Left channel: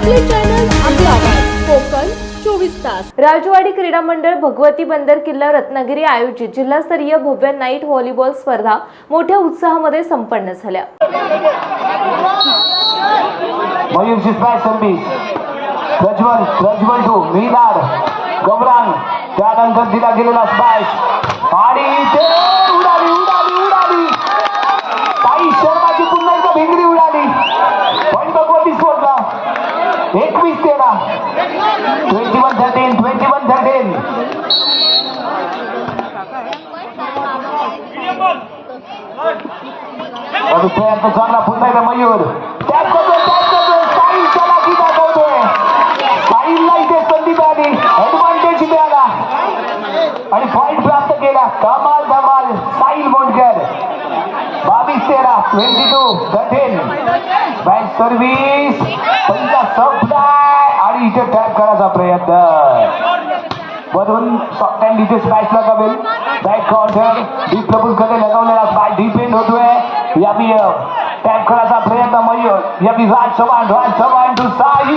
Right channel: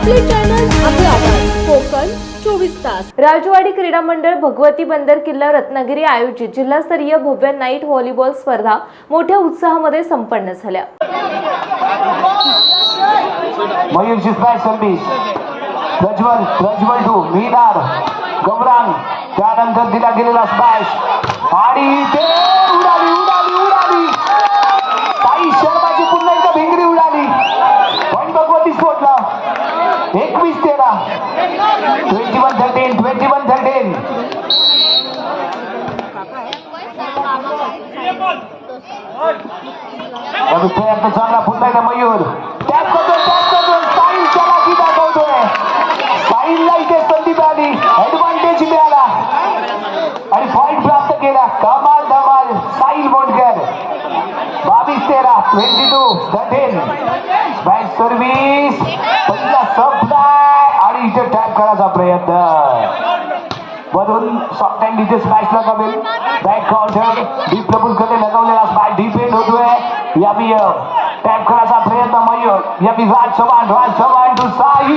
आपले चॅनल आपला आवाज. कोकण चोवीस तास. राजवाडी क्रीडा मंडळ भगवती बंदर किल्ला रत्नागिरी आयोजित जिल्हास्तरीय भव्य नाईट व्हॉलीबॉल स्पर्धा मोठ्या उत्साहामध्ये संपन्न झाल्या. टू मीनार गौरांग त्यानंतर दिला गेलेला स्पॅश आणि खेळाचा सामना पुन्हा मयूर साईलला इथे संधी ऍडव्हान्टेज मिळाला आणि प्राप्त केला धमाल धमाल साईल मोंडकर बावीस तेरा twenty two thirteen service supply आणि इथे टॅप करायचा प्रयत्न वरून शॉर्ट हँड इथे स्मॅश लगावेल बॅक काउंटर डीप प्रभूकडे लगावलेला स्मॅश डीप एंड होतोय यावी टॅप करायचा प्रयत्न मयूर यावी राज चव्हाण राज चव्हाण टू साई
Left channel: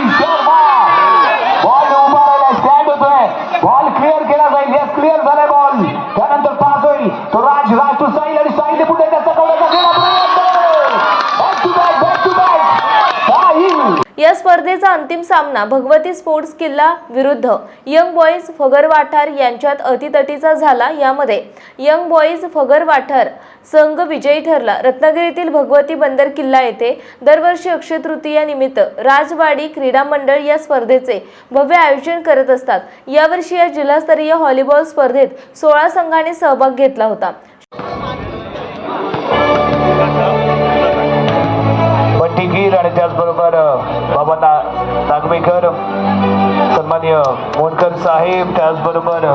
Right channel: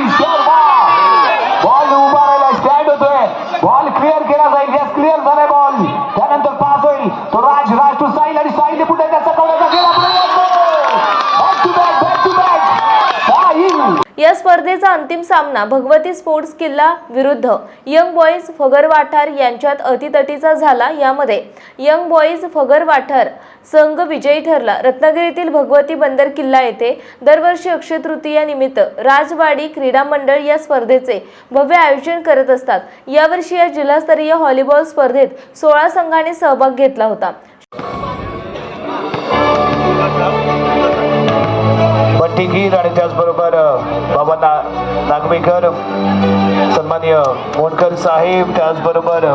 बॉल उभारायला स्टँड होतोय बॉल क्लिअर केला जाईल येस क्लिअर झालाय बॉल या स्पर्धेचा अंतिम सामना भगवती स्पोर्ट्स किल्ला विरुद्ध यंग बॉईज फगर वाठार यांच्यात अतितटीचा झाला यामध्ये. यंग बॉईज फगर वाठार संघ विजयी ठरला. रत्नागिरीतील भगवती बंदर किल्ला येथे दरवर्षी अक्षय तृतीया निमित्त राजवाडी क्रीडा मंडळ या स्पर्धेचे भव्य आयोजन करत असतात. यावर्षी या जिल्हास्तरीय हॉलीबॉल स्पर्धेत सोळा संघांनी सहभाग घेतला होता. त्याचबरोबर बाबा ना नागवेकर सन्मान्य मोनकर साहेब त्याचबरोबर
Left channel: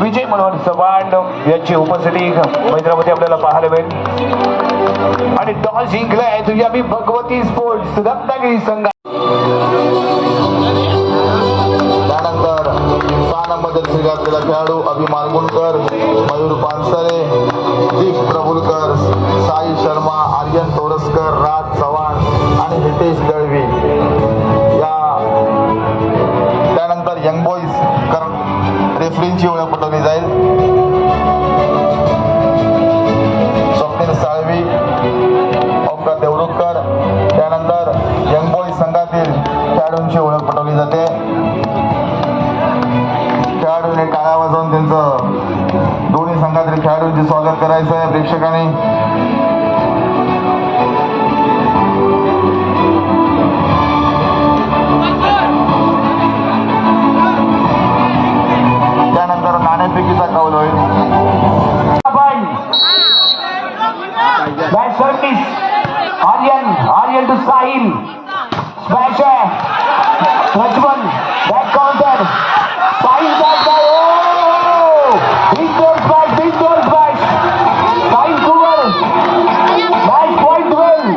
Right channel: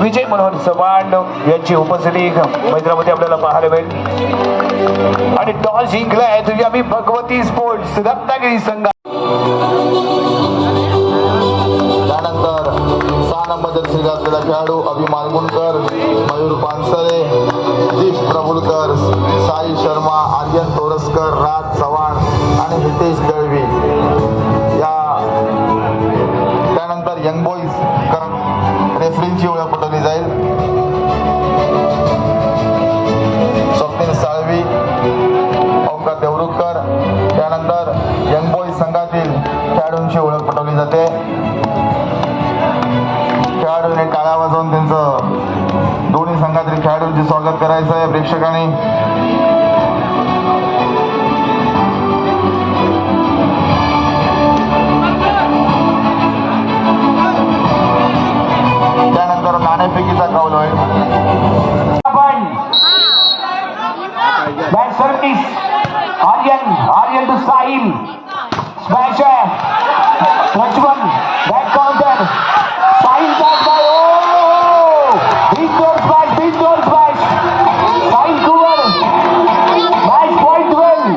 विजय मनोहर चव्हाण यांची उपस्थिती मैदानामध्ये आपल्याला पाहायला मिळेल. आणि टॉस जिंकलाय तुझी आम्ही भगवती स्पोर्ट्स रत्नागिरी संघ त्यानंतर सहा नंबर जर्सी घातलेला खेळाडू अभि मालगुणकर मयूर पानसरे दीप प्रभुलकर साई शर्मा आर्यन तोरसकर राज चव्हाण. आणि हितेश दळवी या त्यानंतर यंग बॉईज कर रेफरींची ओळख पटवली जाईल. स्वप्नील साळवी ओंकार देवरुखकर त्यानंतर यंग बॉईज संघातील खेळाडूंची ओळख पटवली जाते. खेळाडूने टाळ्या वाजवून त्यांचं दोन्ही संघातील खेळाडूंचे स्वागत करायचं आहे प्रेक्षकांनी. Bat service Aryan Aryan to Sahil smash आहे Prajwal back counter Sahil smash big smash Sahil Kumar match point twelve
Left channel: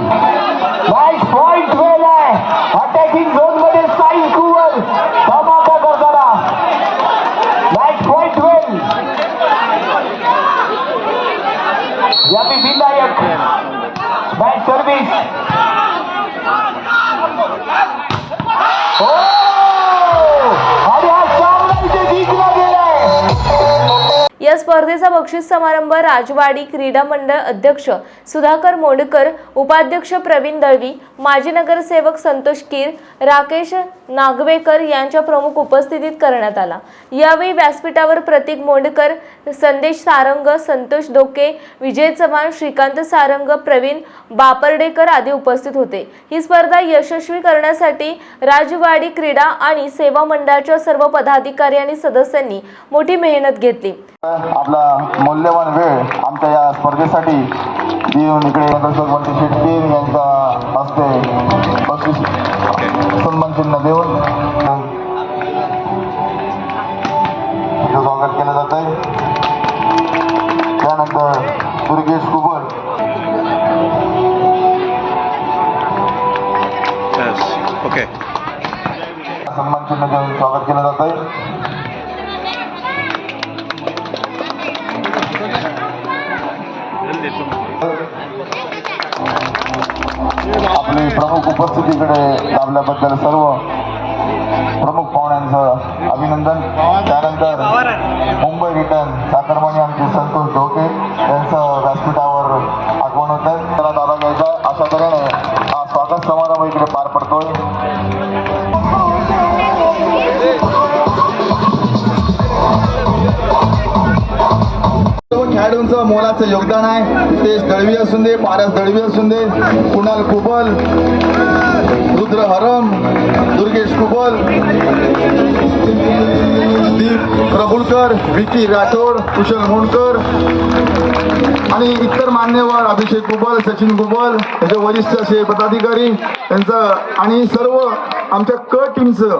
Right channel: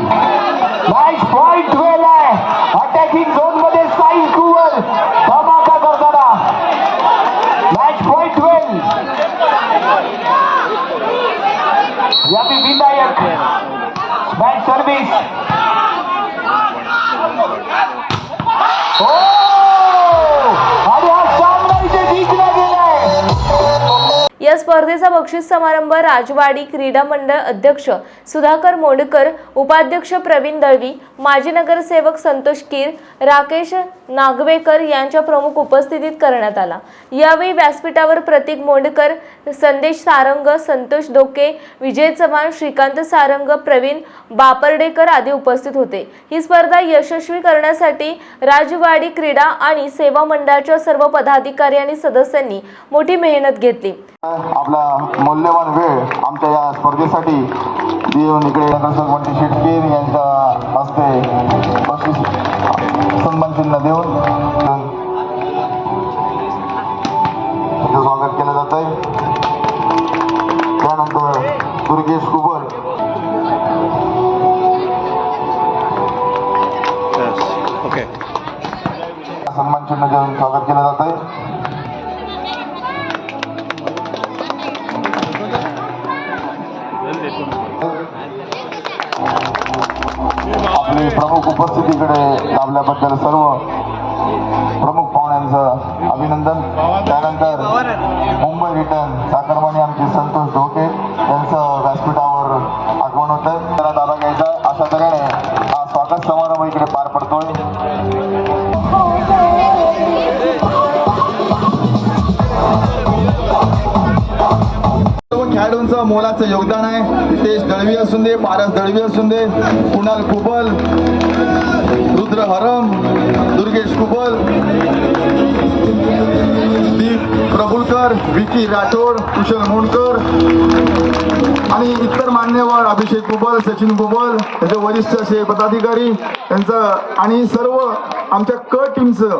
match point twelve आहे अटॅकिंग झोनमध्ये साहिल कुमार स्पर्धेचा बक्षीस समारंभ राजवाडी क्रीडा मंडळ अध्यक्ष सुधाकर मोडकर उपाध्यक्ष प्रवीण दळवी माजी नगरसेवक संतोष कीर राकेश नागवेकर यांच्या प्रमुख उपस्थितीत करण्यात आला. यावेळी व्यासपीठावर प्रतीक मोंडकर संदेश सारंग संतोष डोके विजय चव्हाण श्रीकांत सारंग प्रवीण बापर्डेकर आदी उपस्थित होते. ही स्पर्धा यशस्वी करण्यासाठी राजवाडी क्रीडा आणि सेवा मंडळाच्या सर्व पदाधिकारी आणि सदस्यांनी मोठी मेहनत घेतली. आपला मौल्यवान वेळ आमच्या या स्पर्धेसाठी देऊन इकडे बंटी शेटकीर यांच्या हस्ते बक्षीस सन्मान चिन्ह देऊन स्वागत केलं जात आहे त्यानंतर दुर्गेश Yes. Okay. सन्मान चिन्ह देऊन स्वागत केलं जात आहे आपली प्रमुख उपस्थितीकडे लाभल्याबद्दल सर्व प्रमुख पाहुण्यांचं अभिनंदन. त्यानंतर मुंबई रिटर्न साखरमानी आमचे संतोष धोके. मोठं मोलाचं योगदान आहे. नितेश दळवी असून दे पारस दळवी असून दे. कुणाल कुबल रुद्र हरम दुर्गेश कुबल प्रभुलकर विकी राठोड कुशल मुंडकर आणि इतर मान्यवर अभिषेक कुबल सचिन कुबल म्हणजे वरिष्ठ असे पदाधिकारी यांचं आणि सर्व आमच्या क टीमचं